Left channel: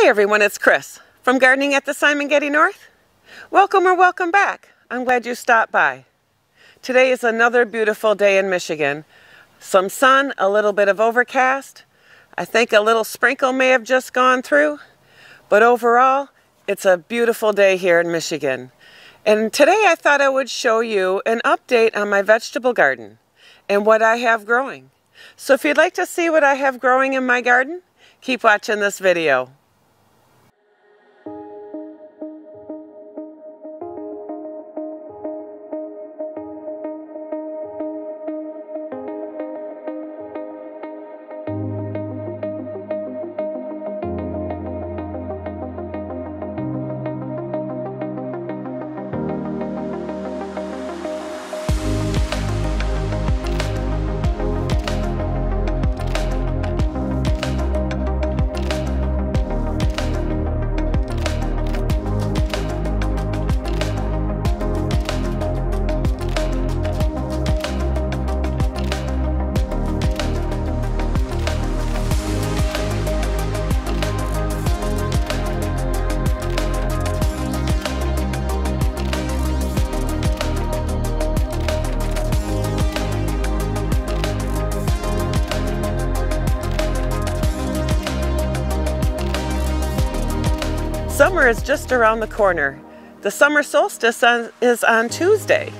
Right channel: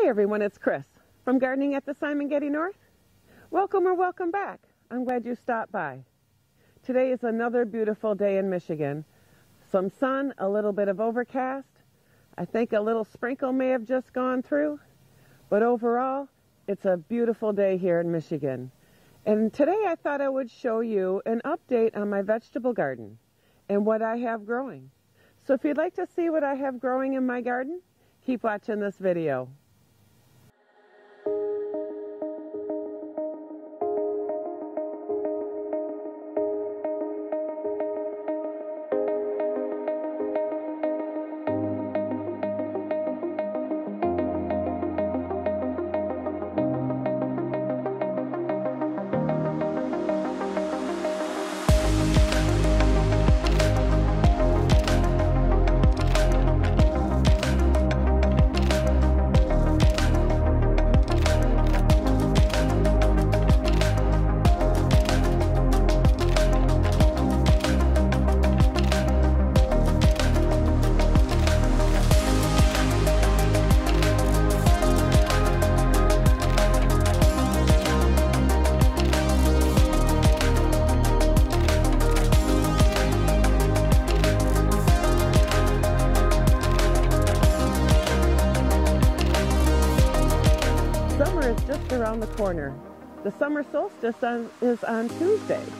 Hi everyone, it's Chris from Gardening at the Simon Getty North. Welcome or welcome back. I'm glad you stopped by. Today is another beautiful day in Michigan. Some sun, a little bit of overcast. I think a little sprinkle may have just gone through, but overall, it's a beautiful day here in Michigan. And today I thought I would show you an update on my vegetable garden and what I have growing. So if you'd like to see what I have growing in my garden, keep watching this video. Summer is just around the corner. The summer solstice is on Tuesday.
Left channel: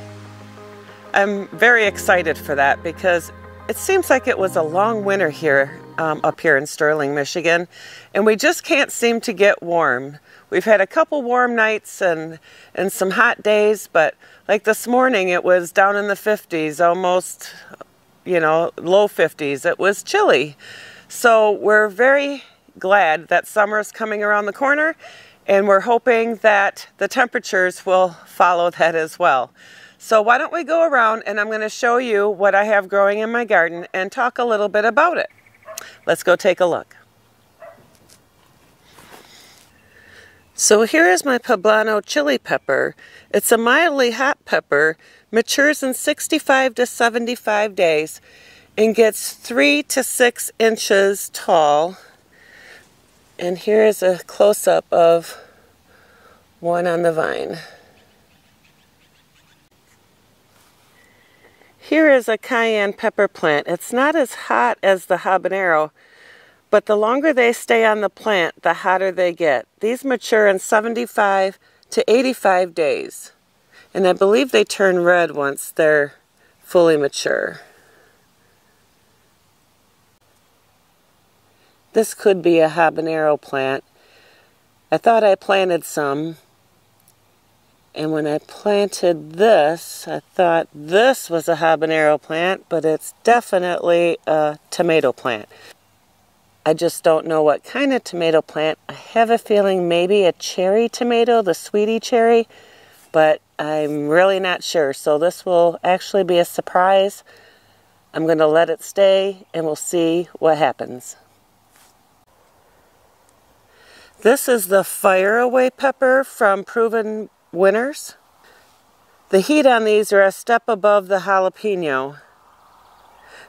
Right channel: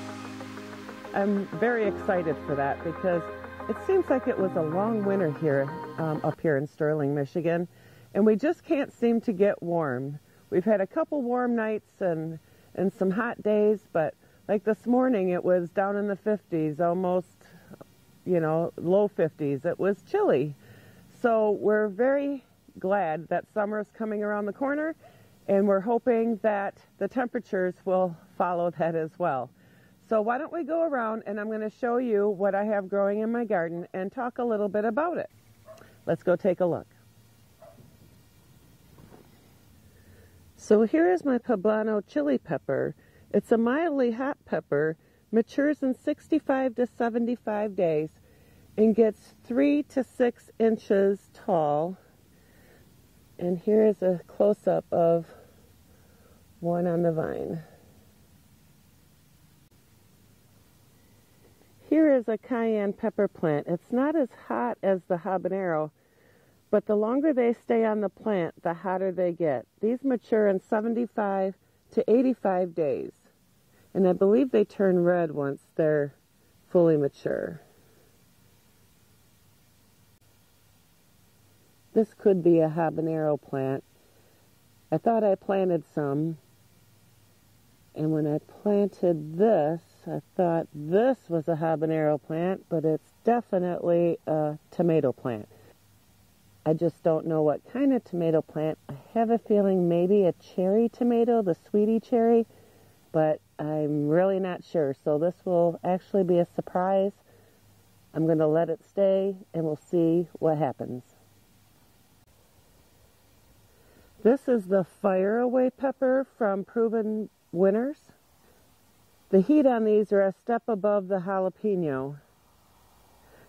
I'm very excited for that because it seems like it was a long winter here, up here in Sterling, Michigan, and we just can't seem to get warm. We've had a couple warm nights and some hot days, but like this morning it was down in the 50s, almost, low 50s. It was chilly. So we're very glad that summer is coming around the corner, and we're hoping that the temperatures will follow that as well. So why don't we go around and I'm going to show you what I have growing in my garden and talk a little bit about it. Let's go take a look. So here is my poblano chili pepper. It's a mildly hot pepper, matures in 65 to 75 days, and gets 3 to 6 inches tall. And here is a close-up of one on the vine. Here is a cayenne pepper plant. It's not as hot as the habanero, but the longer they stay on the plant, the hotter they get. These mature in 75 to 85 days. And I believe they turn red once they're fully mature. This could be a habanero plant. I thought I planted some, and when I planted this, I thought this was a habanero plant, but it's definitely a tomato plant. I just don't know what kind of tomato plant. I have a feeling maybe a cherry tomato, the sweetie cherry, but I'm really not sure. So this will actually be a surprise. I'm going to let it stay, and we'll see what happens. This is the Fire Away pepper from Proven Winners. The heat on these are a step above the jalapeno.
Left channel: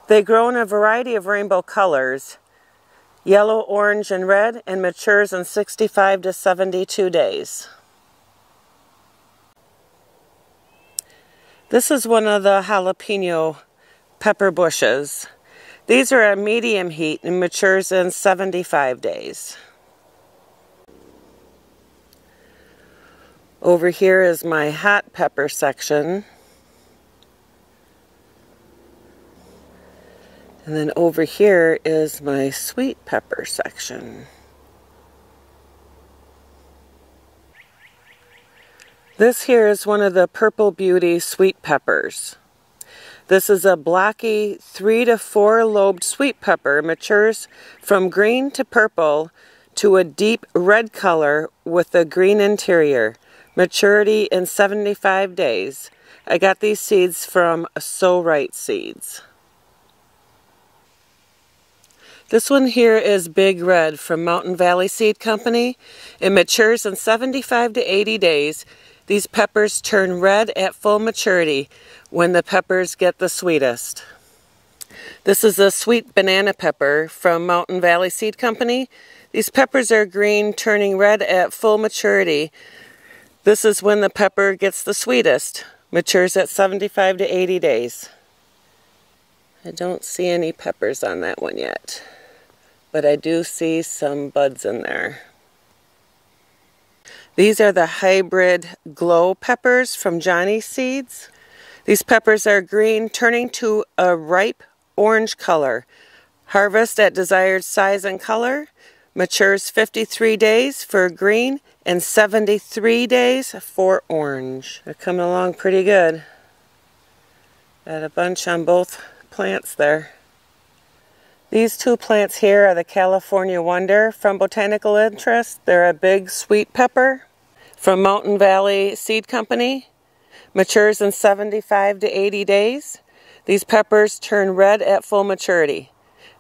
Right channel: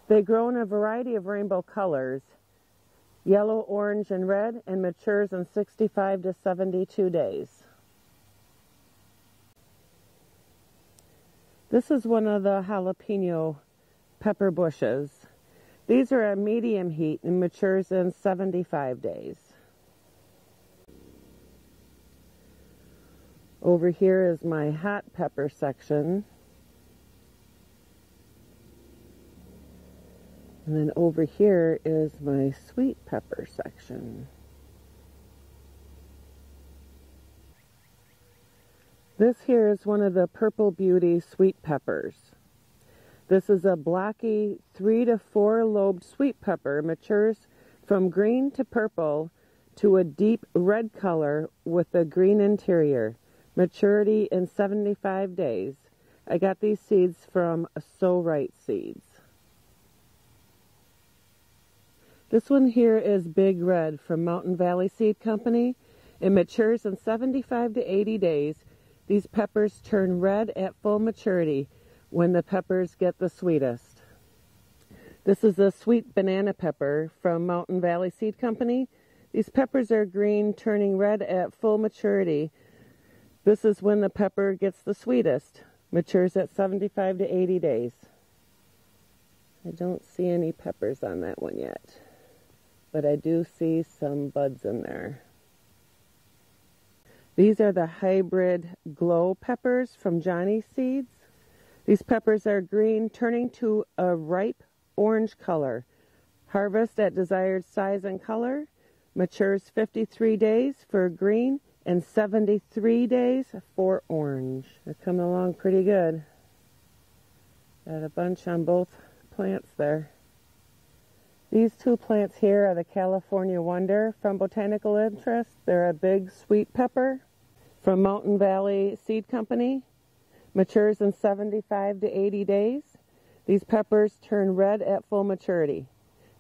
They grow in a variety of rainbow colors, yellow, orange, and red, and matures in 65 to 72 days. This is one of the jalapeno pepper bushes. These are a medium heat and matures in 75 days. Over here is my hot pepper section. And then over here is my sweet pepper section. This here is one of the Purple Beauty sweet peppers. This is a blocky 3 to 4 lobed sweet pepper, matures from green to purple to a deep red color with a green interior. Maturity in 75 days. I got these seeds from So Right Seeds. This one here is Big Red from Mountain Valley Seed Company. It matures in 75 to 80 days. These peppers turn red at full maturity when the peppers get the sweetest. This is a sweet banana pepper from Mountain Valley Seed Company. These peppers are green, turning red at full maturity. This is when the pepper gets the sweetest. Matures at 75 to 80 days. I don't see any peppers on that one yet, but I do see some buds in there. These are the hybrid glow peppers from Johnny Seeds. These peppers are green, turning to a ripe orange color. Harvest at desired size and color. Matures 53 days for green and 73 days for orange. They're coming along pretty good. Got a bunch on both plants there. These two plants here are the California Wonder from Botanical Interest. They're a big sweet pepper from Mountain Valley Seed Company. Matures in 75 to 80 days. These peppers turn red at full maturity.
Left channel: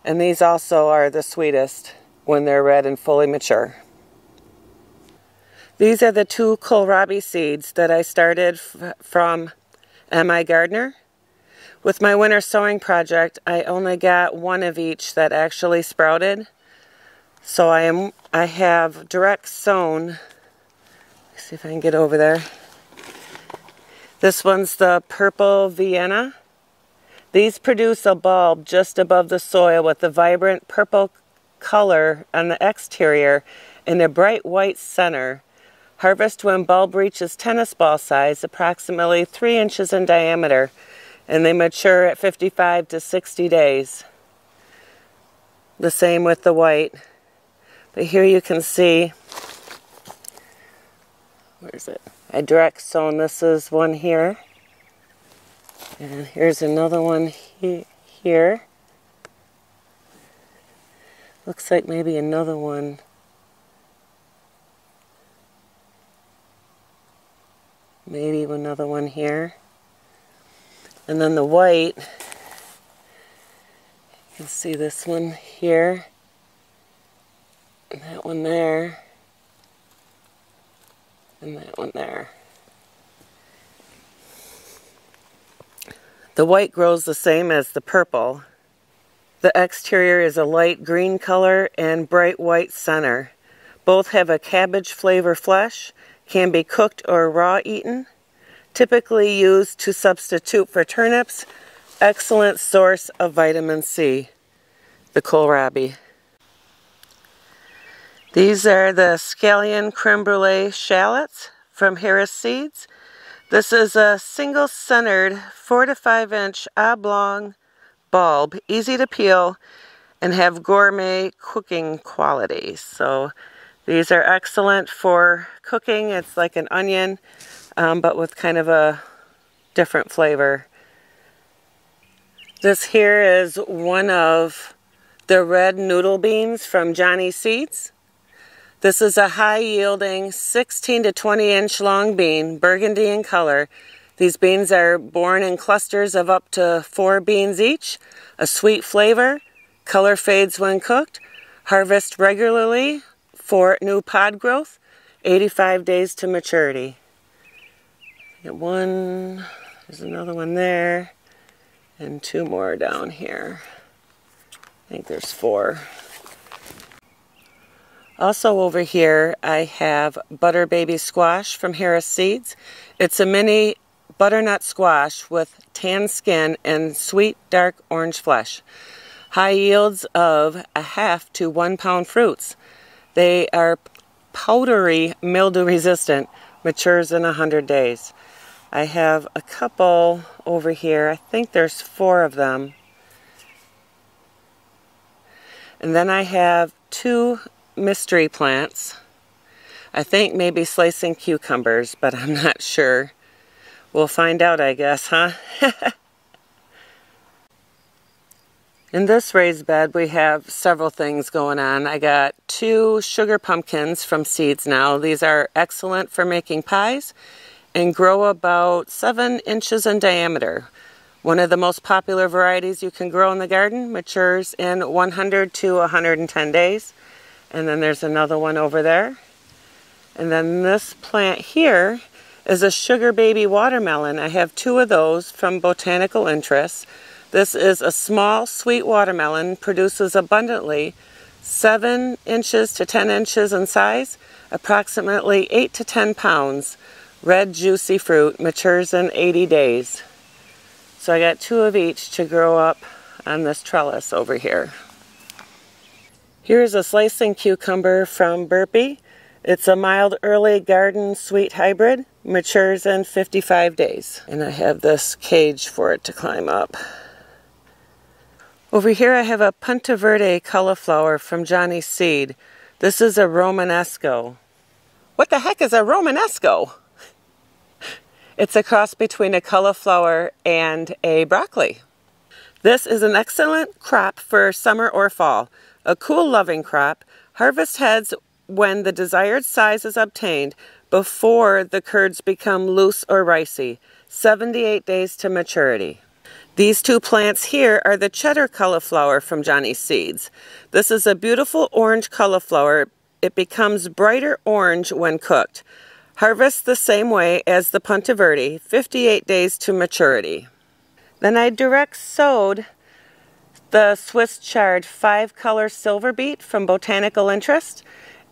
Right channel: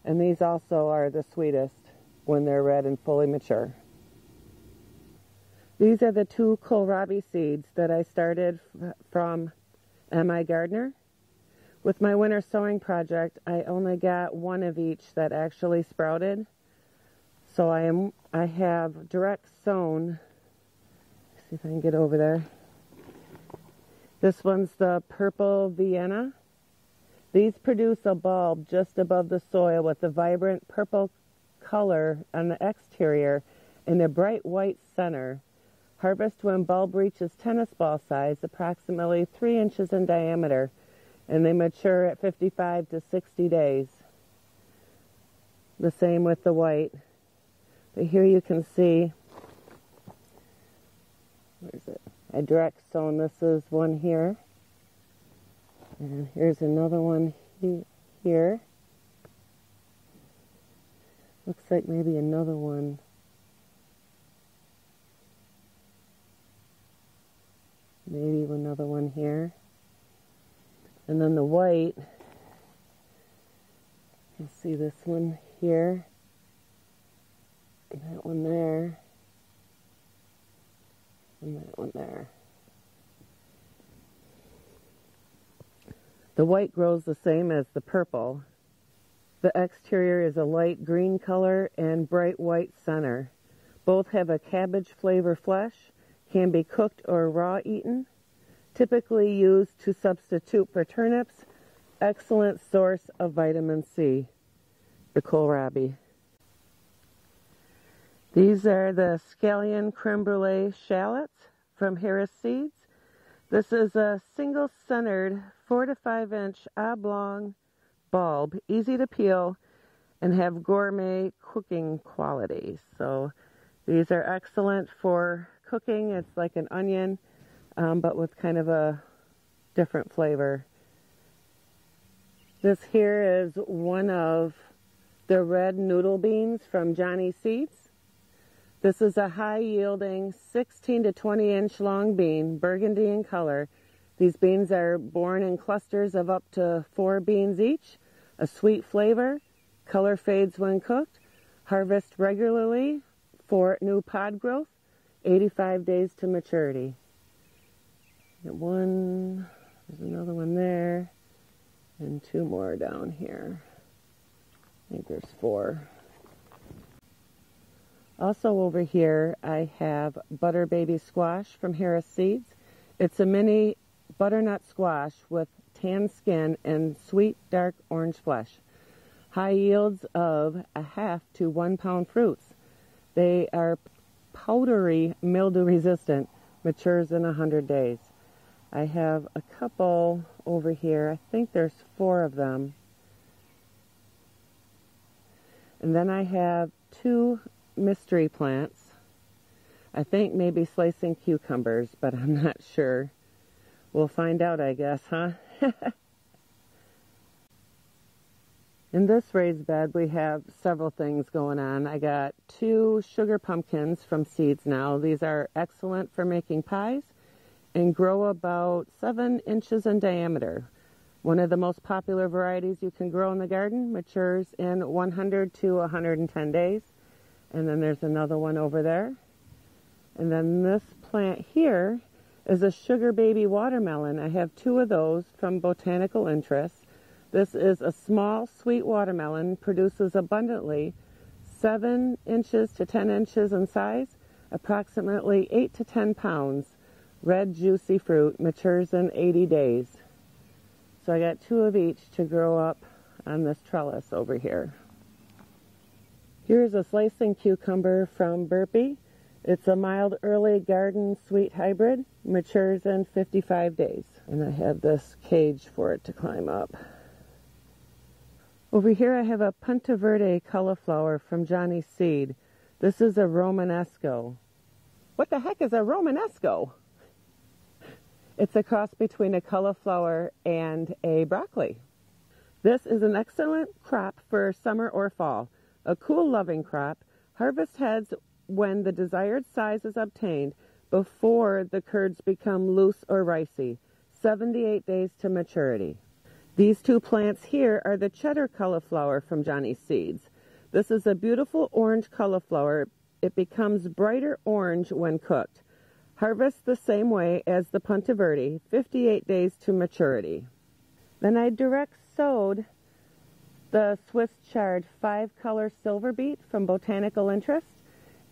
And these also are the sweetest when they're red and fully mature. These are the two kohlrabi seeds that I started from M.I. Gardner. With my winter sowing project, I only got one of each that actually sprouted. So I have direct sown. Let's see if I can get over there. This one's the Purple Vienna. These produce a bulb just above the soil with a vibrant purple color on the exterior and a bright white center. Harvest when bulb reaches tennis ball size, approximately 3 inches in diameter, and they mature at 55 to 60 days. The same with the white. But here you can see, where is it? I direct sown. This is one here. And here's another one here. Looks like maybe another one. Maybe another one here. And then the white, you can see this one here. And that one there. And that one there. The white grows the same as the purple. The exterior is a light green color and bright white center. Both have a cabbage flavor flesh, can be cooked or raw eaten. Typically used to substitute for turnips. Excellent source of vitamin C, the kohlrabi. These are the Scallion Creme Brulee shallots from Harris Seeds. This is a single-centered 4 to 5 inch oblong bulb, easy to peel, and have gourmet cooking qualities. So these are excellent for cooking. It's like an onion, but with kind of a different flavor. This here is one of the red noodle beans from Johnny Seeds. This is a high-yielding 16 to 20 inch long bean, burgundy in color. These beans are born in clusters of up to 4 beans each. A sweet flavor, color fades when cooked. Harvest regularly for new pod growth, 85 days to maturity. Get one, there's another one there, and 2 more down here. I think there's 4. Also over here, I have Butter Baby Squash from Harris Seeds. It's a mini butternut squash with tan skin and sweet dark orange flesh. High yields of 1/2 to 1 pound fruits. They are powdery mildew resistant, matures in 100 days. I have a couple over here. I think there's 4 of them. And then I have 2 mystery plants. I think maybe slicing cucumbers, but I'm not sure. We'll find out, I guess, huh? In this raised bed, we have several things going on. I got 2 sugar pumpkins from Seeds Now. These are excellent for making pies and grow about 7 inches in diameter. One of the most popular varieties you can grow in the garden, matures in 100 to 110 days. And then there's another one over there. And then this plant here is a sugar baby watermelon. I have 2 of those from Botanical Interest. This is a small, sweet watermelon, produces abundantly, 7 inches to 10 inches in size, approximately 8 to 10 pounds. Red juicy fruit, matures in 80 days. So I got 2 of each to grow up on this trellis over here. Here's a slicing cucumber from Burpee. It's a mild early garden sweet hybrid, matures in 55 days. And I have this cage for it to climb up. Over here I have a Punta Verde cauliflower from Johnny Seed. This is a Romanesco. What the heck is a Romanesco? It's a cross between a cauliflower and a broccoli. This is an excellent crop for summer or fall. A cool loving crop. Harvest heads when the desired size is obtained before the curds become loose or ricey. 78 days to maturity. These 2 plants here are the cheddar cauliflower from Johnny Seeds. This is a beautiful orange cauliflower. It becomes brighter orange when cooked. Harvest the same way as the Punta Verde, 58 days to maturity. Then I direct sowed the Swiss chard 5-color silver beet from Botanical Interest.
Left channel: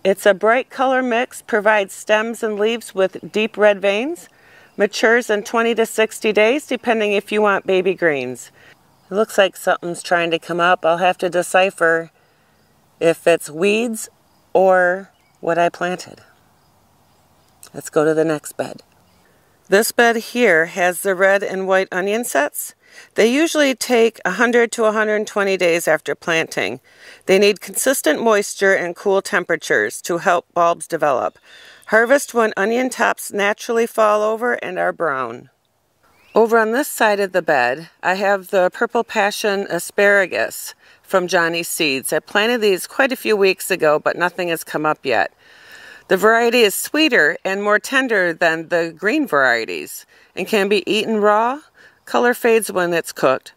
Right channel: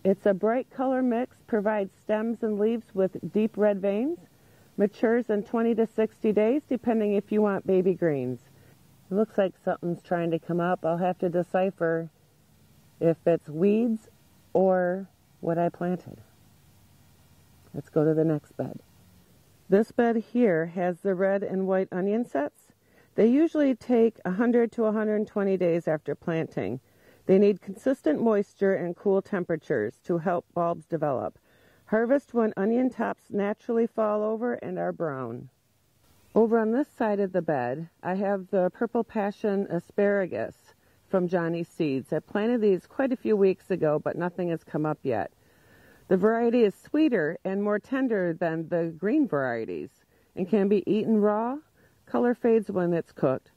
It's a bright color mix, provides stems and leaves with deep red veins. Matures in 20 to 60 days, depending if you want baby greens. It looks like something's trying to come up. I'll have to decipher if it's weeds or what I planted. Let's go to the next bed. This bed here has the red and white onion sets. They usually take 100 to 120 days after planting. They need consistent moisture and cool temperatures to help bulbs develop. Harvest when onion tops naturally fall over and are brown. Over on this side of the bed, I have the Purple Passion asparagus from Johnny Seeds. I planted these quite a few weeks ago, but nothing has come up yet. The variety is sweeter and more tender than the green varieties and can be eaten raw. Color fades when it's cooked.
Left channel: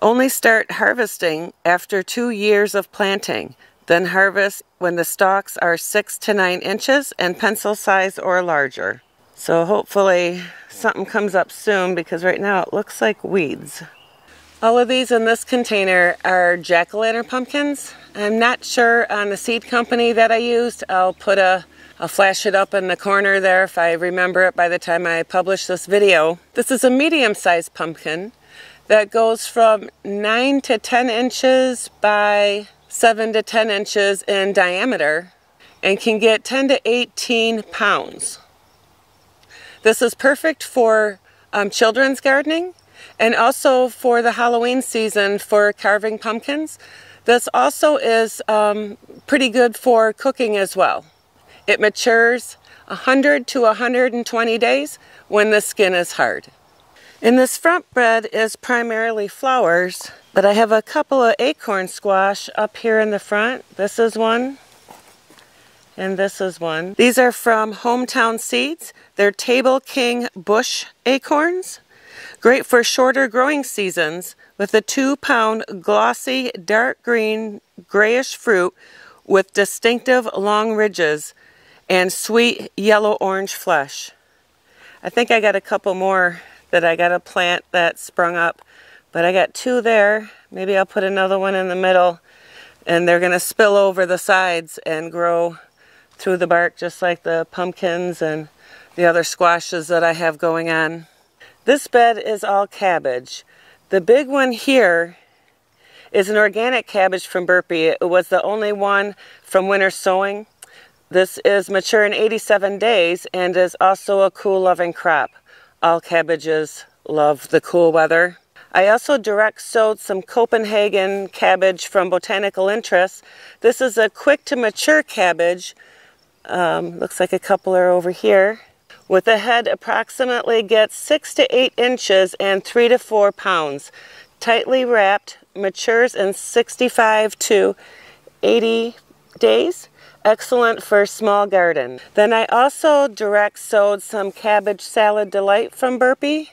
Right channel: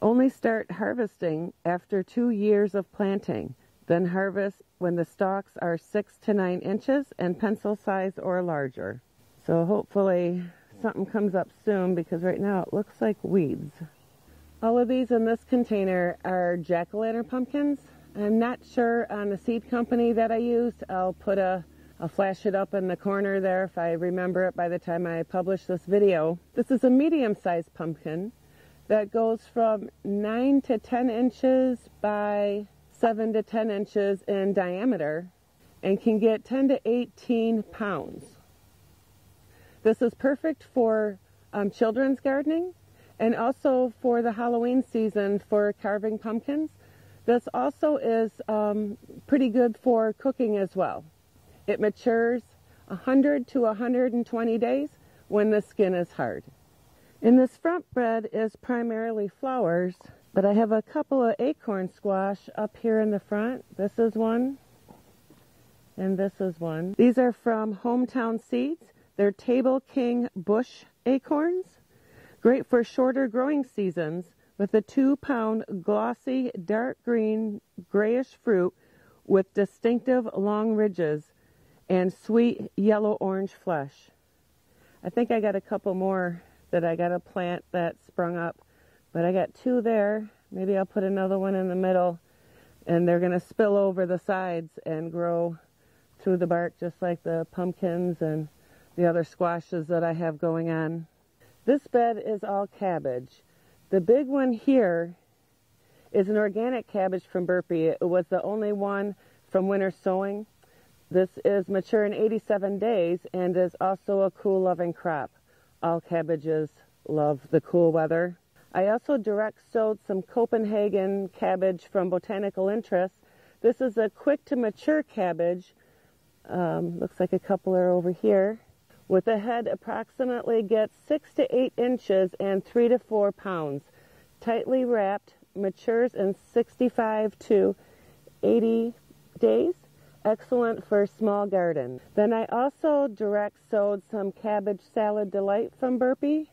Only start harvesting after 2 years of planting. Then harvest when the stalks are 6 to 9 inches and pencil size or larger. So hopefully something comes up soon because right now it looks like weeds. All of these in this container are jack-o'-lantern pumpkins. I'm not sure on the seed company that I used. I'll flash it up in the corner there if I remember it by the time I publish this video. This is a medium-sized pumpkin that goes from 9 to 10 inches by 7 to 10 inches in diameter and can get 10 to 18 pounds. This is perfect for children's gardening and also for the Halloween season for carving pumpkins. This also is pretty good for cooking as well. It matures 100 to 120 days when the skin is hard. In this front bed is primarily flowers, but I have a couple of acorn squash up here in the front. This is one, and this is one. These are from Hometown Seeds. They're Table King bush acorns. Great for shorter growing seasons with a 2-pound glossy dark green grayish fruit with distinctive long ridges and sweet yellow-orange flesh. I think I got a couple more that I got to plant that sprung up, but I got 2 there. Maybe I'll put another one in the middle, and they're going to spill over the sides and grow through the bark just like the pumpkins and the other squashes that I have going on. This bed is all cabbage. The big one here is an organic cabbage from Burpee. It was the only one from winter sowing. This is mature in 87 days and is also a cool loving crop. All cabbages love the cool weather. I also direct sowed some Copenhagen cabbage from Botanical Interest. This is a quick to mature cabbage. Looks like a couple are over here. With a head approximately gets 6 to 8 inches and 3 to 4 pounds. Tightly wrapped, matures in 65 to 80 days. Excellent for small garden. Then I also direct sowed some Cabbage Salad Delight from Burpee.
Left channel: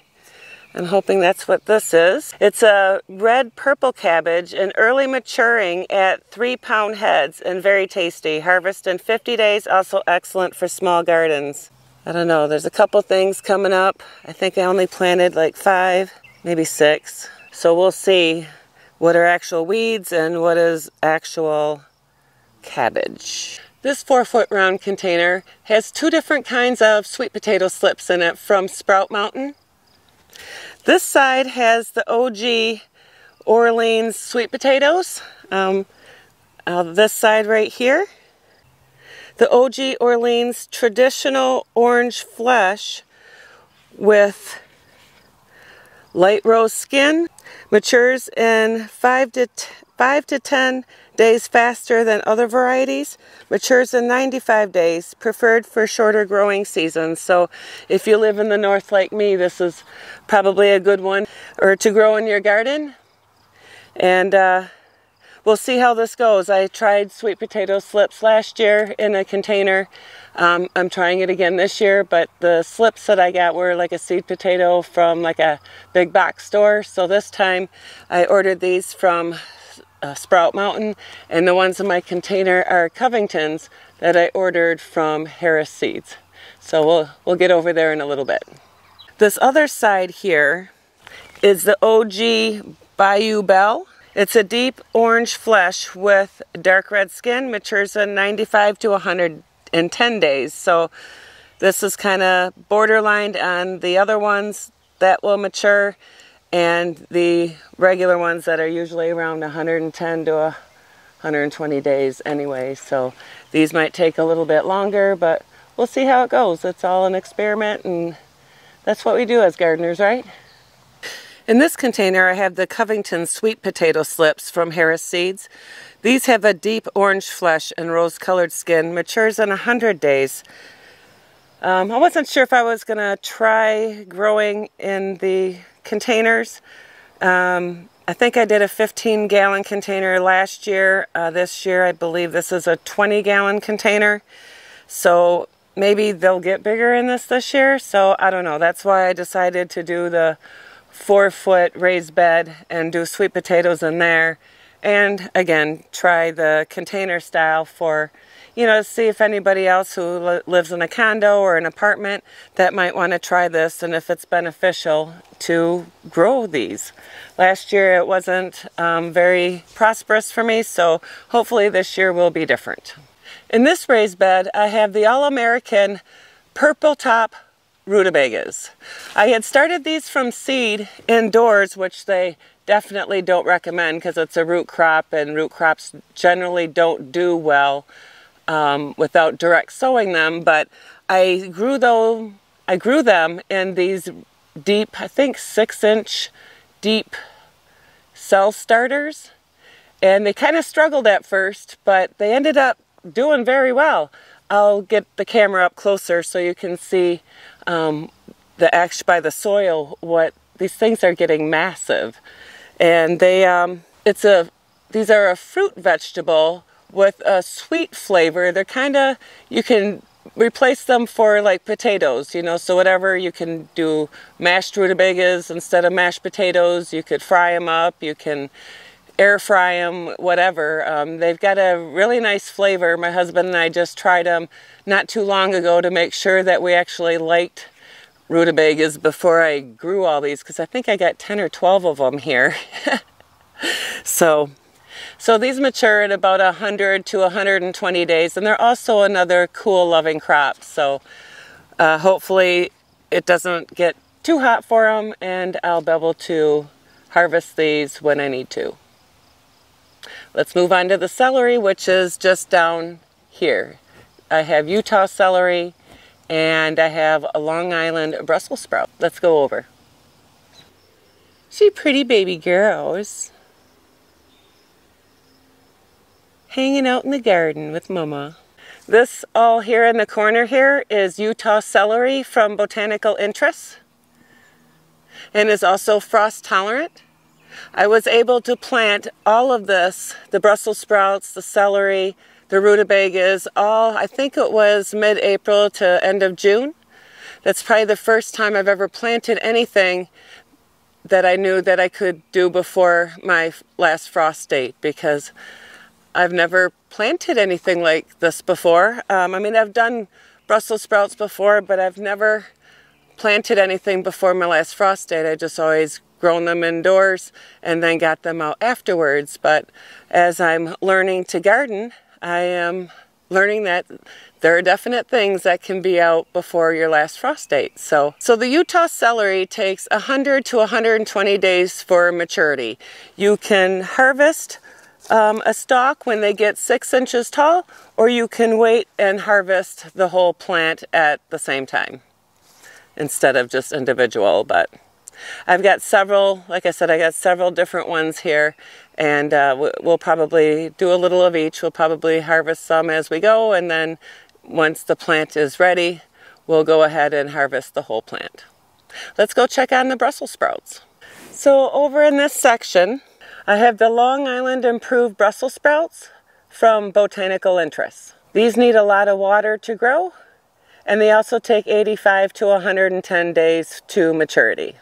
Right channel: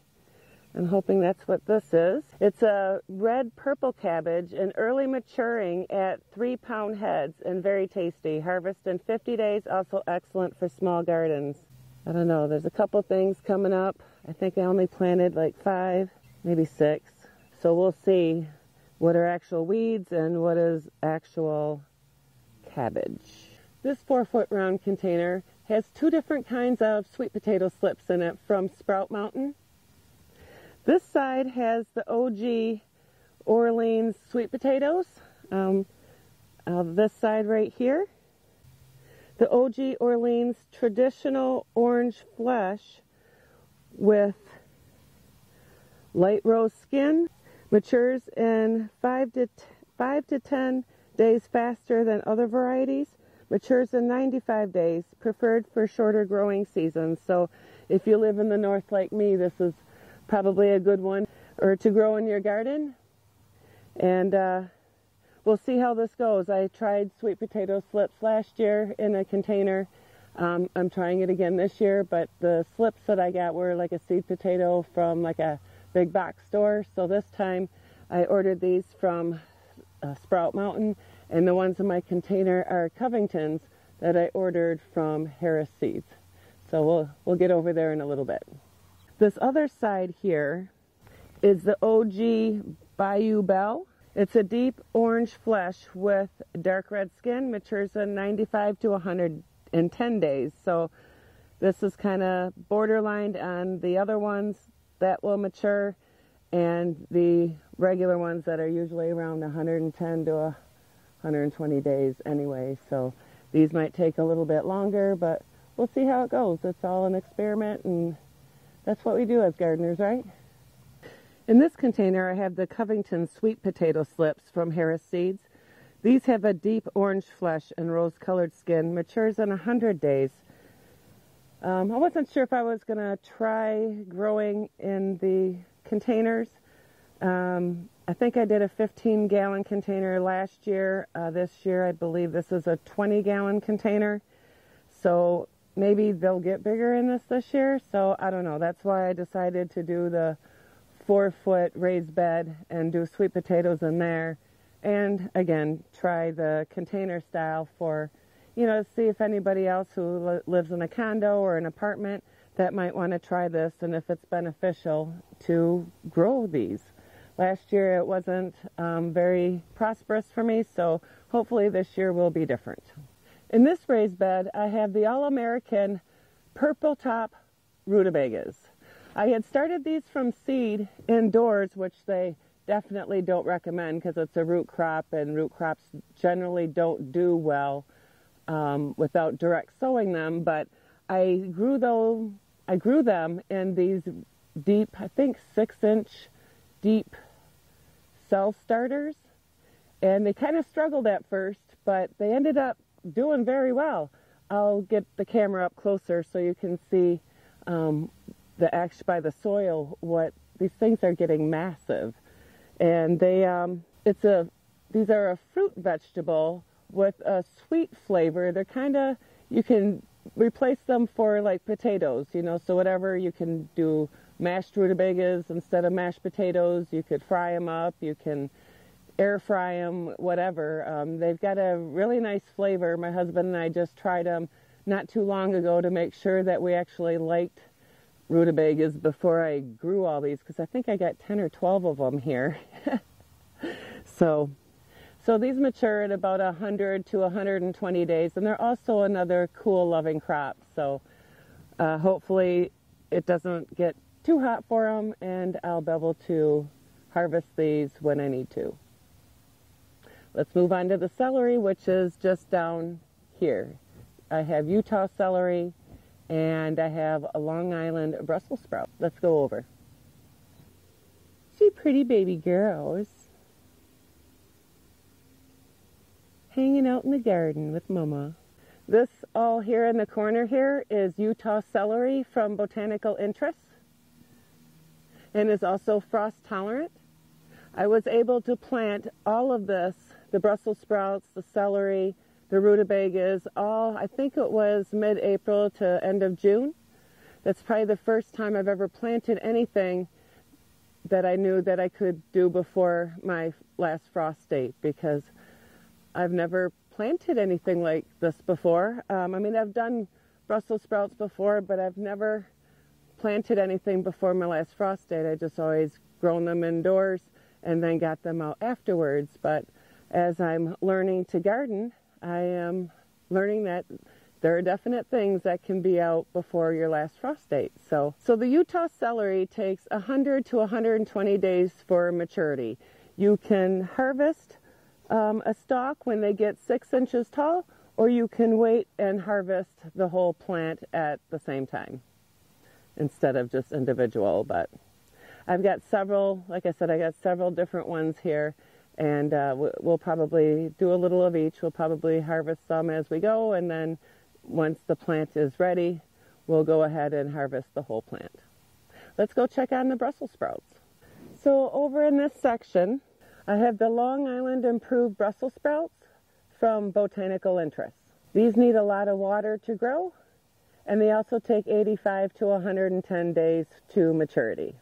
I'm hoping that's what this is. It's a red purple cabbage and early maturing at 3-pound heads and very tasty. Harvest in 50 days, also excellent for small gardens. I don't know, there's a couple things coming up. I think I only planted like 5, maybe 6. So we'll see what are actual weeds and what is actual cabbage. This 4-foot round container has 2 different kinds of sweet potato slips in it from Sprout Mountain. This side has the OG Orleans sweet potatoes. This side right here, the OG Orleans traditional orange flesh with light rose skin, matures in 5 to 10 days faster than other varieties, matures in 95 days, preferred for shorter growing seasons. So if you live in the north like me, this is probably a good one or to grow in your garden. And we'll see how this goes. I tried sweet potato slips last year in a container. I'm trying it again this year, but the slips that I got were like a seed potato from like a big box store. So this time I ordered these from Sprout Mountain, and the ones in my container are Covingtons that I ordered from Harris Seeds. So we'll get over there in a little bit. This other side here is the OG Bayou Belle. It's a deep orange flesh with dark red skin, matures in 95 to 110 days. So this is kind of borderline on the other ones that will mature and the regular ones that are usually around 110 to 120 days anyway. So these might take a little bit longer, but we'll see how it goes. It's all an experiment, and that's what we do as gardeners, right? In this container, I have the Covington sweet potato slips from Harris Seeds. These have a deep orange flesh and rose-colored skin, matures in 100 days. I wasn't sure if I was going to try growing in the containers. I think I did a 15-gallon container last year. This year, I believe this is a 20-gallon container. So maybe they'll get bigger in this year. So I don't know. That's why I decided to do the 4-foot raised bed and do sweet potatoes in there. And again, try the container style for, you know, see if anybody else who lives in a condo or an apartment that might want to try this and if it's beneficial to grow these. Last year it wasn't very prosperous for me, so hopefully this year will be different. In this raised bed, I have the All-American Purple Top rutabagas. I had started these from seed indoors, which they definitely don't recommend because it's a root crop, and root crops generally don't do well without direct sowing them. But I grew them in these deep, I think 6-inch deep cell starters, and they kind of struggled at first, but they ended up doing very well. I'll get the camera up closer so you can see by the soil what these things are getting massive. And they these are a fruit vegetable with a sweet flavor. They're kind of, you can replace them for like potatoes, you know, so whatever, you can do mashed rutabagas instead of mashed potatoes. You could fry them up, you can air fry them, whatever. They've got a really nice flavor. My husband and I just tried them not too long ago to make sure that we actually liked rutabagas before I grew all these, because I think I got 10 or 12 of them here. So these mature at about 100 to 120 days, and they're also another cool loving crop. So hopefully it doesn't get too hot for them, and I'll be able to harvest these when I need to. Let's move on to the celery, which is just down here. I have Utah celery, and I have a Long Island Brussels sprout. Let's go over. See pretty baby girls hanging out in the garden with Mama. This all here in the corner here is Utah celery from Botanical Interests, and is also frost tolerant. I was able to plant all of this, the Brussels sprouts, the celery, the rutabagas, all, I think it was mid-April to end of June. That's probably the first time I've ever planted anything that I knew that I could do before my last frost date, because I've never planted anything like this before. I mean, I've done Brussels sprouts before, but I've never planted anything before my last frost date. I just always grown them indoors and then got them out afterwards. But as I'm learning to garden, I am learning that there are definite things that can be out before your last frost date. So the Utah celery takes 100 to 120 days for maturity. You can harvest a stalk when they get 6 inches tall, or you can wait and harvest the whole plant at the same time instead of just individual. But I've got several, like I said, I got several different ones here, and we'll probably do a little of each. We'll probably harvest some as we go, and then once the plant is ready, we'll go ahead and harvest the whole plant. Let's go check on the Brussels sprouts. So over in this section, I have the Long Island Improved Brussels sprouts from Botanical Interests. These need a lot of water to grow, and they also take 85 to 110 days to maturity.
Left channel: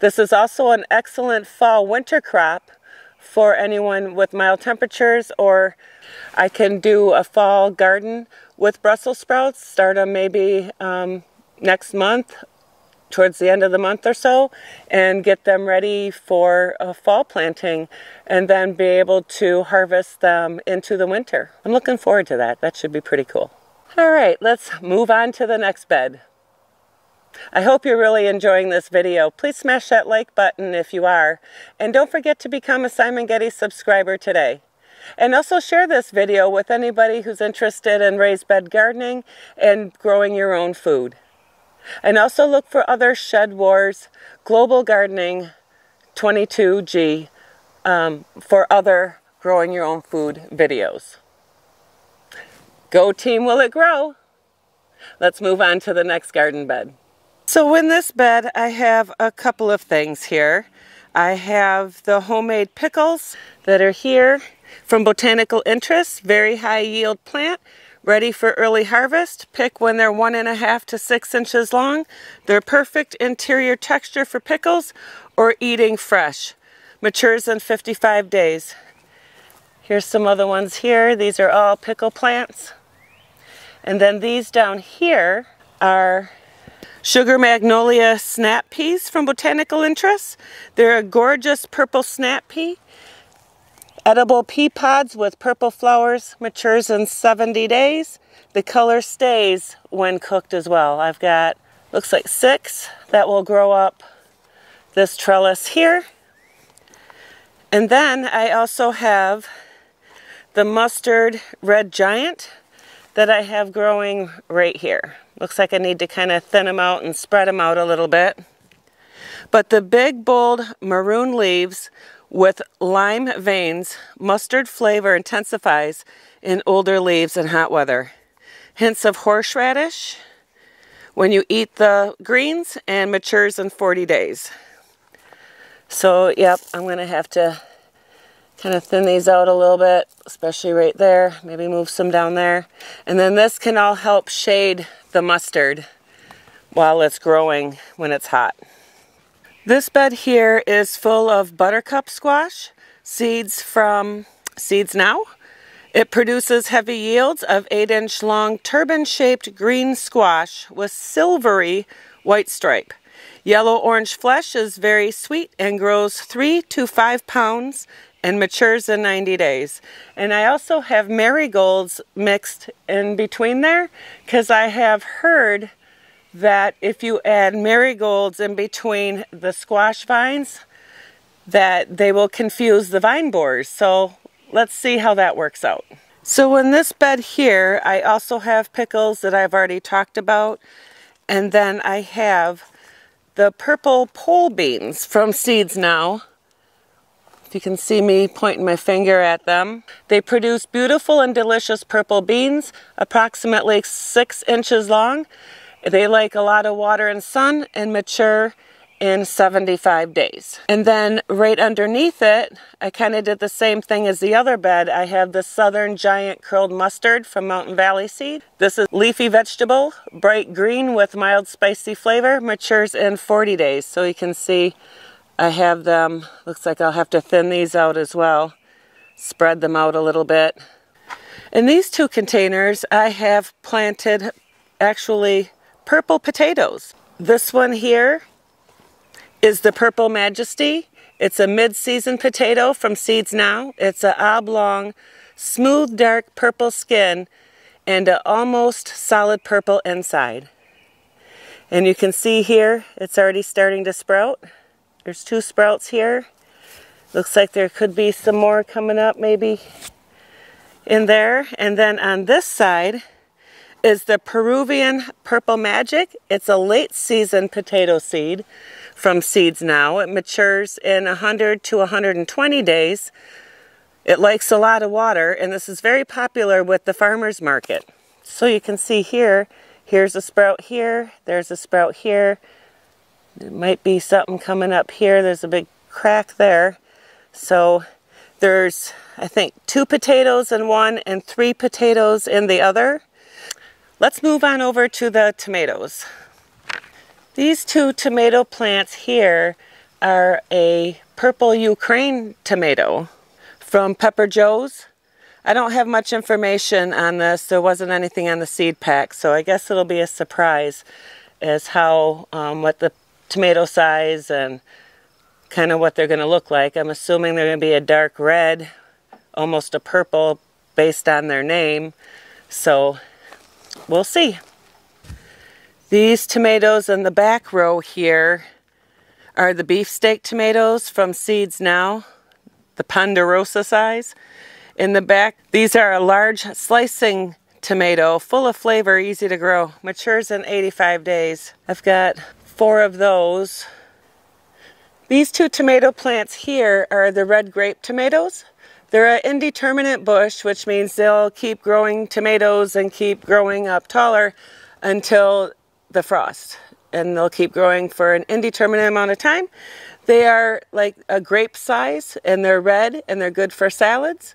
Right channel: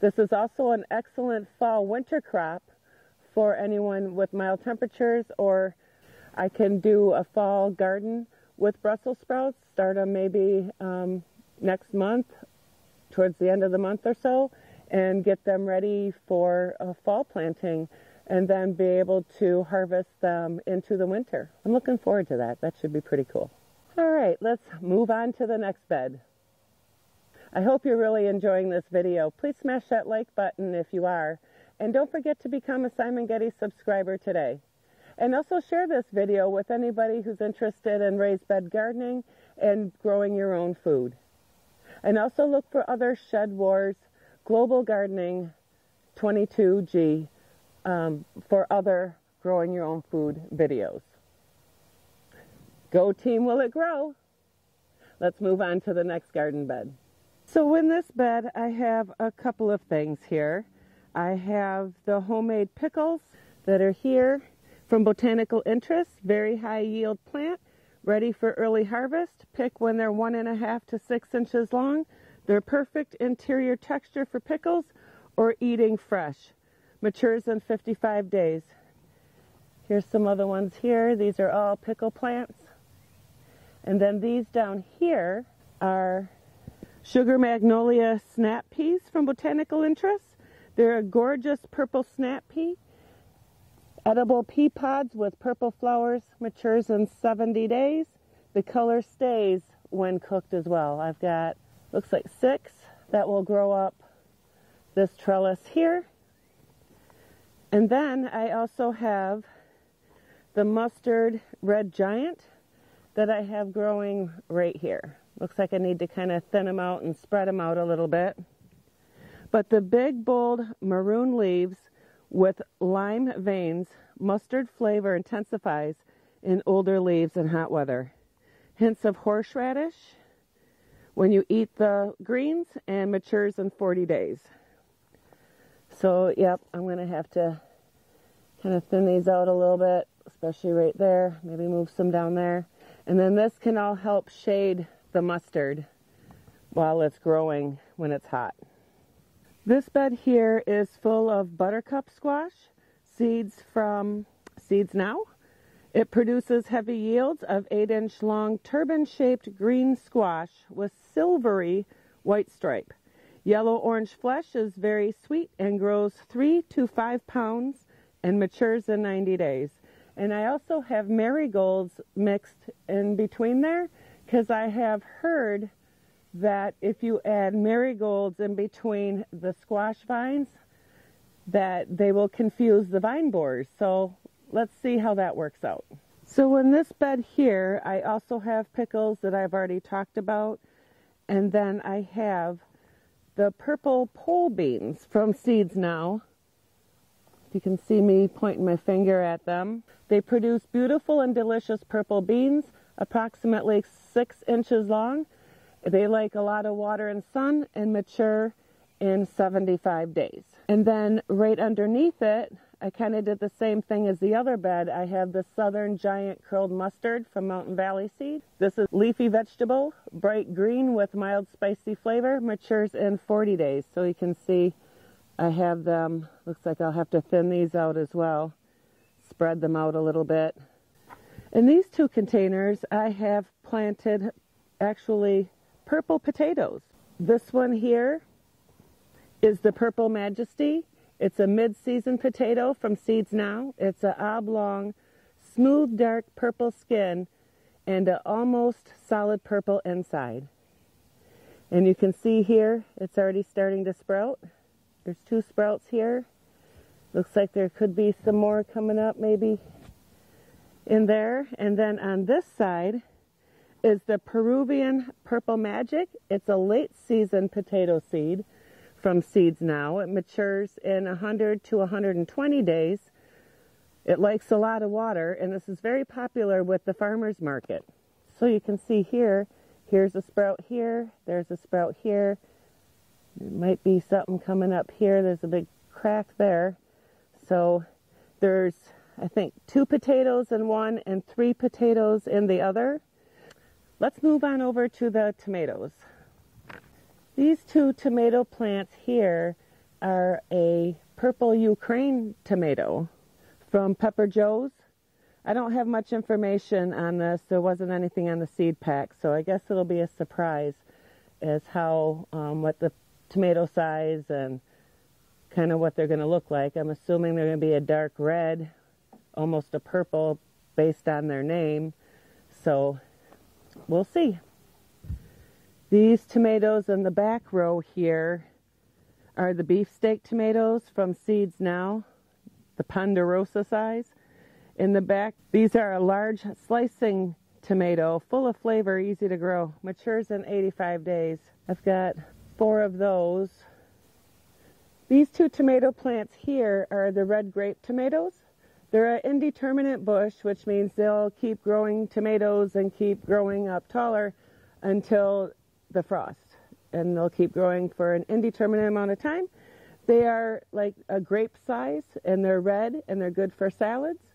This is also an excellent fall-winter crop for anyone with mild temperatures, or I can do a fall garden with Brussels sprouts, start them maybe next month, towards the end of the month or so, and get them ready for a fall planting, and then be able to harvest them into the winter. I'm looking forward to that. That should be pretty cool. All right, let's move on to the next bed. I hope you're really enjoying this video. Please smash that like button if you are, and don't forget to become a Simon Getty subscriber today. And also share this video with anybody who's interested in raised bed gardening and growing your own food. And also look for other Shed Wars Global Gardening 22G for other growing your own food videos. Go team, will it grow? Let's move on to the next garden bed. So in this bed, I have a couple of things here. I have the homemade pickles that are here from Botanical Interests, very high yield plant, ready for early harvest. Pick when they're 1.5 to 6 inches long. They're perfect interior texture for pickles or eating fresh. Matures in 55 days. Here's some other ones here. These are all pickle plants. And then these down here are Sugar Magnolia snap peas from Botanical Interests. They're a gorgeous purple snap pea. Edible pea pods with purple flowers, matures in 70 days. The color stays when cooked as well. I've got, looks like 6 that will grow up this trellis here. And then I also have the mustard red giant that I have growing right here. Looks like I need to kind of thin them out and spread them out a little bit. But the big, bold maroon leaves with lime veins, mustard flavor intensifies in older leaves in hot weather. Hints of horseradish when you eat the greens, and matures in 40 days. So, yep, I'm going to have to kind of thin these out a little bit, especially right there. Maybe move some down there. And then this can all help shade the mustard while it's growing when it's hot. This bed here is full of buttercup squash, seeds from Seeds Now. It produces heavy yields of 8-inch long turban-shaped green squash with silvery white stripe. Yellow-orange flesh is very sweet and grows 3 to 5 pounds and matures in 90 days. And I also have marigolds mixed in between there, because I have heard that if you add marigolds in between the squash vines, that they will confuse the vine borers. So let's see how that works out. So in this bed here, I also have pickles that I've already talked about. And then I have the purple pole beans from Seeds Now. If you can see me pointing my finger at them. They produce beautiful and delicious purple beans, approximately 6 inches long. They like a lot of water and sun and mature in 75 days. And then right underneath it, I kind of did the same thing as the other bed. I have the Southern Giant Curled Mustard from Mountain Valley Seed. This is leafy vegetable, bright green with mild spicy flavor, matures in 40 days. So you can see I have them. Looks like I'll have to thin these out as well. Spread them out a little bit. In these 2 containers, I have planted actually purple potatoes. This one here is the Purple Majesty. It's a mid-season potato from Seeds Now. It's an oblong smooth dark purple skin and an almost solid purple inside. And you can see here it's already starting to sprout. There's 2 sprouts here. Looks like there could be some more coming up maybe in there. And then on this side is the Peruvian Purple Magic. It's a late season potato seed from Seeds Now. It matures in 100 to 120 days. It likes a lot of water, and this is very popular with the farmers market. So you can see here, here's a sprout here, there's a sprout here. There might be something coming up here. There's a big crack there. So there's, I think, 2 potatoes in one and 3 potatoes in the other. Let's move on over to the tomatoes. These 2 tomato plants here are a purple Ukraine tomato from Pepper Joe's. I don't have much information on this. There wasn't anything on the seed pack, so I guess it'll be a surprise as how, what the tomato size and kind of what they're going to look like. I'm assuming they're going to be a dark red, almost a purple based on their name. So we'll see. These tomatoes in the back row here are the beefsteak tomatoes from Seeds Now, the Ponderosa size. In the back, these are a large slicing tomato, full of flavor, easy to grow. Matures in 85 days. I've got 4 of those. These 2 tomato plants here are the red grape tomatoes. They're an indeterminate bush, which means they'll keep growing tomatoes and keep growing up taller until the frost. And they'll keep growing for an indeterminate amount of time. They are like a grape size, and they're red, and they're good for salads.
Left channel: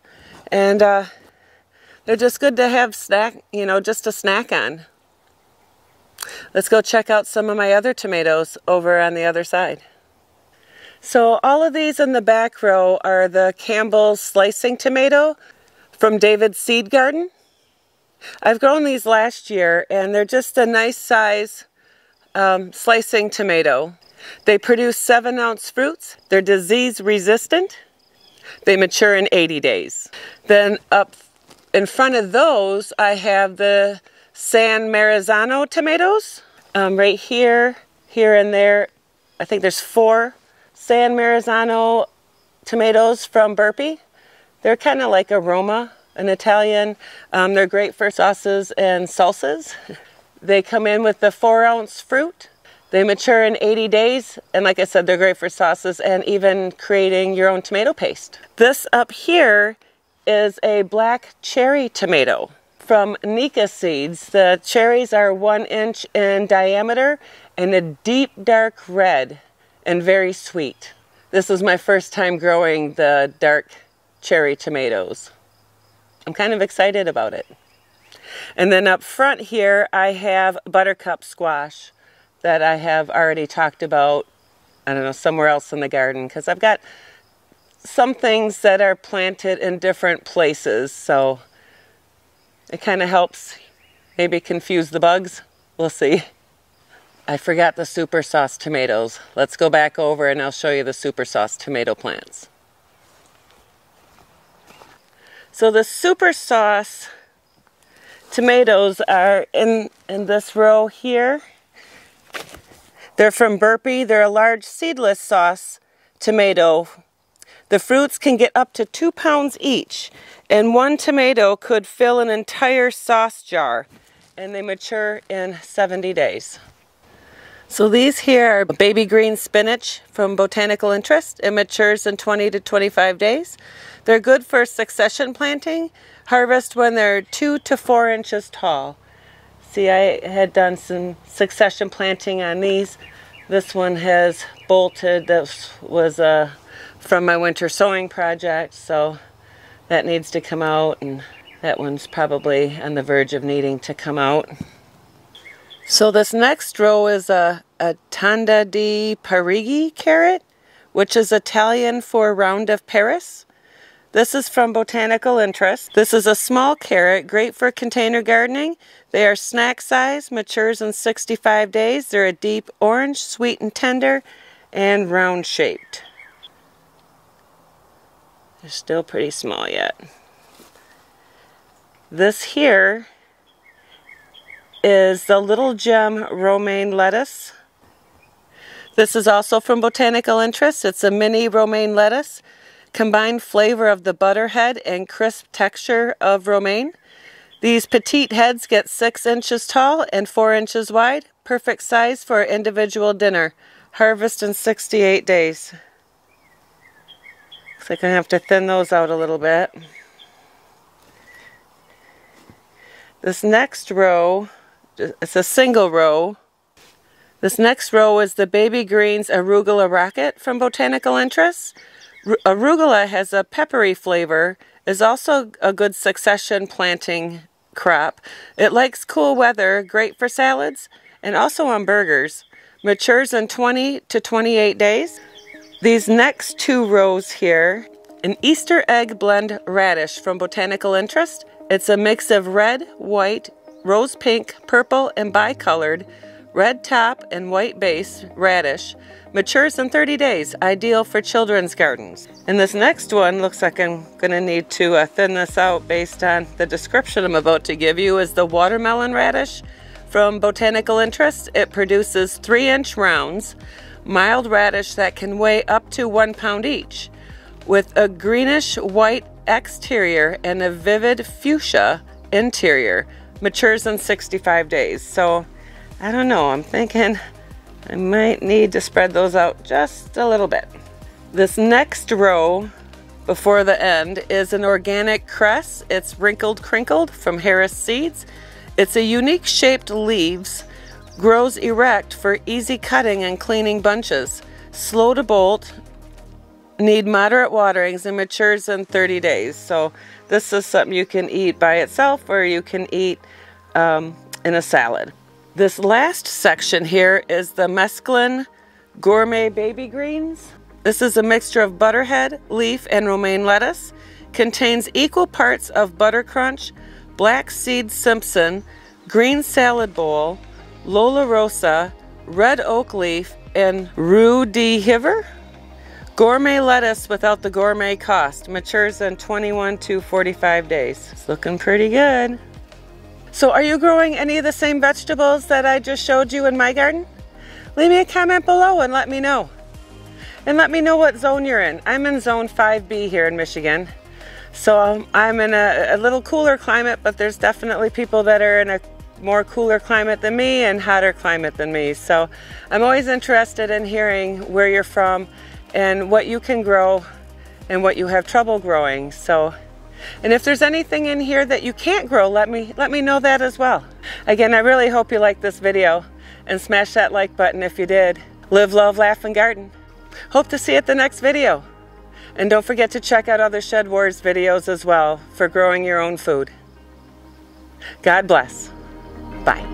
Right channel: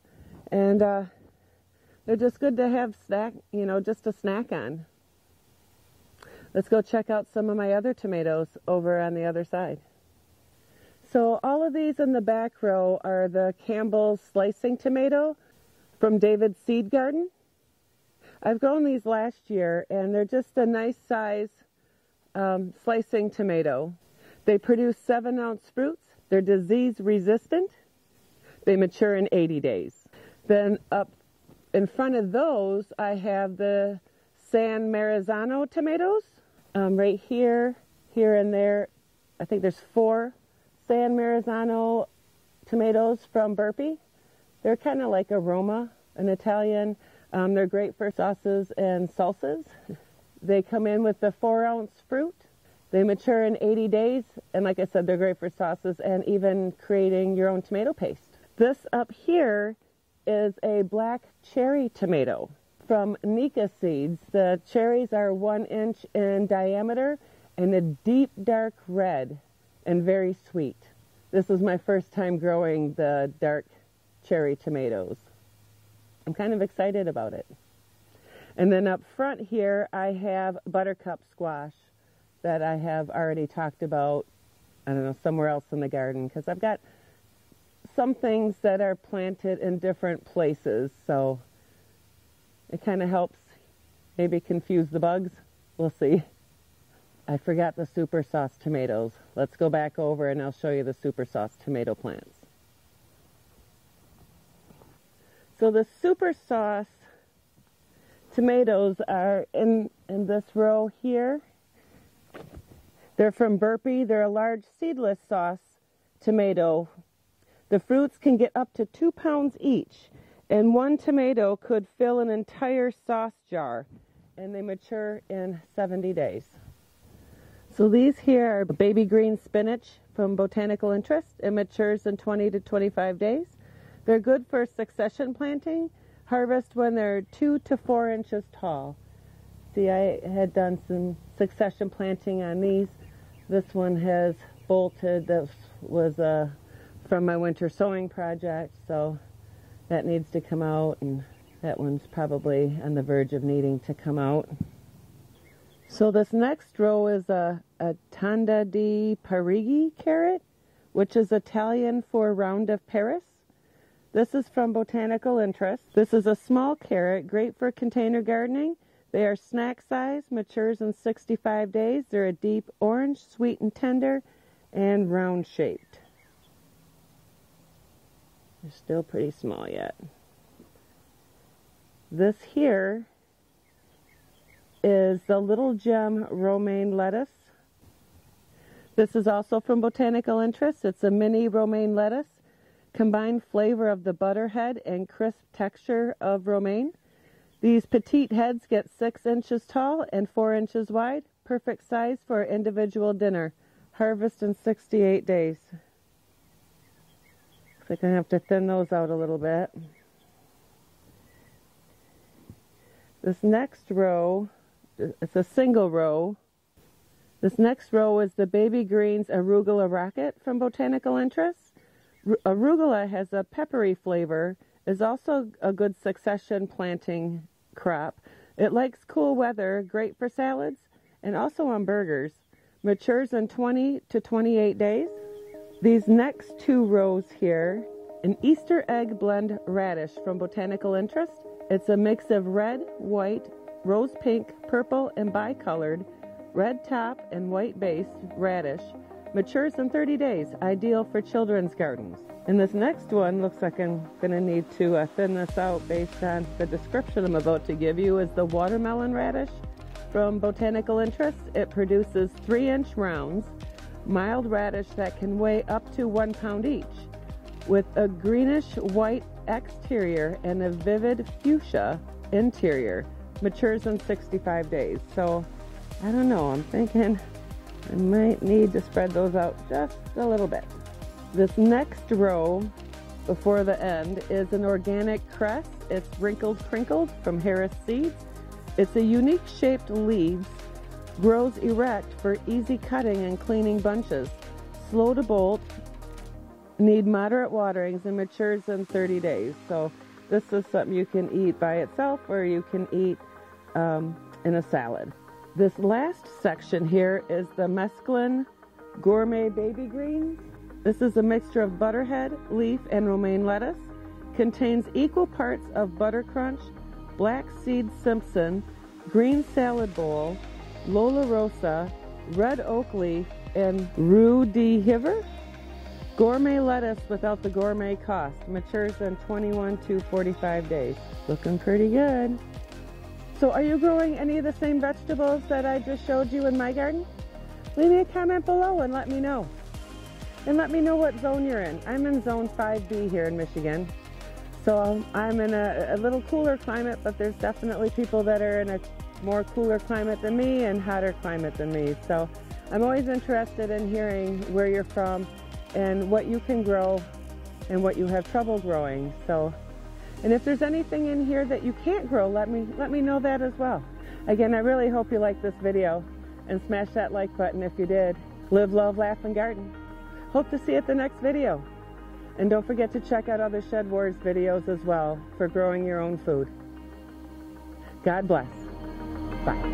And they're just good to have snack, you know, just a snack on. Let's go check out some of my other tomatoes over on the other side. So all of these in the back row are the Campbell's slicing tomato from David's Seed Garden. I've grown these last year, and they're just a nice size slicing tomato. They produce 7-ounce fruits. They're disease resistant. They mature in 80 days. Then up in front of those, I have the San Marzano tomatoes. Right here, here and there, I think there's 4 San Marzano tomatoes from Burpee. They're kind of like a Roma, an Italian. They're great for sauces and salsas. They come in with the 4-ounce fruit. They mature in 80 days, and like I said, they're great for sauces and even creating your own tomato paste. This up here is a black cherry tomato from Nika Seeds. The cherries are 1 inch in diameter and a deep dark red and very sweet. This is my first time growing the dark cherry tomatoes. I'm kind of excited about it. And then up front here, I have buttercup squash that I have already talked about, I don't know, somewhere else in the garden, because I've got some things that are planted in different places, so it kind of helps maybe confuse the bugs. We'll see. I forgot the super sauce tomatoes. Let's go back over and I'll show you the super sauce tomato plants. So the super sauce tomatoes are in this row here. They're from Burpee. They're a large seedless sauce tomato. The fruits can get up to 2 pounds each, and 1 tomato could fill an entire sauce jar, and they mature in 70 days. So these here are baby green spinach from Botanical Interest. It matures in 20 to 25 days. They're good for succession planting. Harvest when they're 2 to 4 inches tall. See, I had done some succession planting on these. This one has bolted. This was from my winter sowing project, so that needs to come out, and that one's probably on the verge of needing to come out. So this next row is a Tanda di Parigi carrot, which is Italian for Round of Paris. This is from Botanical Interest. This is a small carrot, great for container gardening. They are snack size, matures in 65 days. They're a deep orange, sweet and tender, and round shaped. They're still pretty small yet. This here is the Little Gem romaine lettuce. This is also from Botanical Interest. It's a mini romaine lettuce. Combined flavor of the butterhead and crisp texture of romaine. These petite heads get 6 inches tall and 4 inches wide. Perfect size for an individual dinner. Harvest in 68 days. Looks like I have to thin those out a little bit. This next row, it's a single row. This next row is the Baby Greens Arugula Rocket from Botanical Interest. Arugula has a peppery flavor, is also a good succession planting crop. It likes cool weather, great for salads, and also on burgers. Matures in 20 to 28 days. These next 2 rows here, an Easter egg blend radish from Botanical Interest. It's a mix of red, white, rose pink, purple, and bicolored, red top and white base radish. Matures in 30 days, ideal for children's gardens. And this next one looks like I'm gonna need to thin this out based on the description I'm about to give you, is the watermelon radish from Botanical Interest. It produces 3-inch rounds, mild radish that can weigh up to 1 pound each, with a greenish white exterior and a vivid fuchsia interior. Matures in 65 days. So I don't know, I'm thinking I might need to spread those out just a little bit. This next row before the end is an organic cress. It's Wrinkled Crinkled from Harris Seeds. It's a unique shaped leaves, grows erect for easy cutting and cleaning bunches. Slow to bolt, need moderate waterings, and matures in 30 days. So this is something you can eat by itself or you can eat in a salad. This last section here is the Mesclun Gourmet Baby Greens. This is a mixture of butterhead, leaf, and romaine lettuce. Contains equal parts of butter crunch, black seed Simpson, green salad bowl, Lola Rosa, red oak leaf, and Rue de Hiver. Gourmet lettuce without the gourmet cost. Matures in 21 to 45 days. It's looking pretty good. So are you growing any of the same vegetables that I just showed you in my garden? Leave me a comment below and let me know. And let me know what zone you're in. I'm in zone 5B here in Michigan. So I'm in a little cooler climate, but there's definitely people that are in a more cooler climate than me and hotter climate than me. So I'm always interested in hearing where you're from and what you can grow and what you have trouble growing. And if there's anything in here that you can't grow, let me know that as well. Again, I really hope you liked this video and smash that like button if you did. Live, love, laugh, and garden. Hope to see you at the next video. And don't forget to check out other Shed Wars videos as well for growing your own food. God bless. Bye.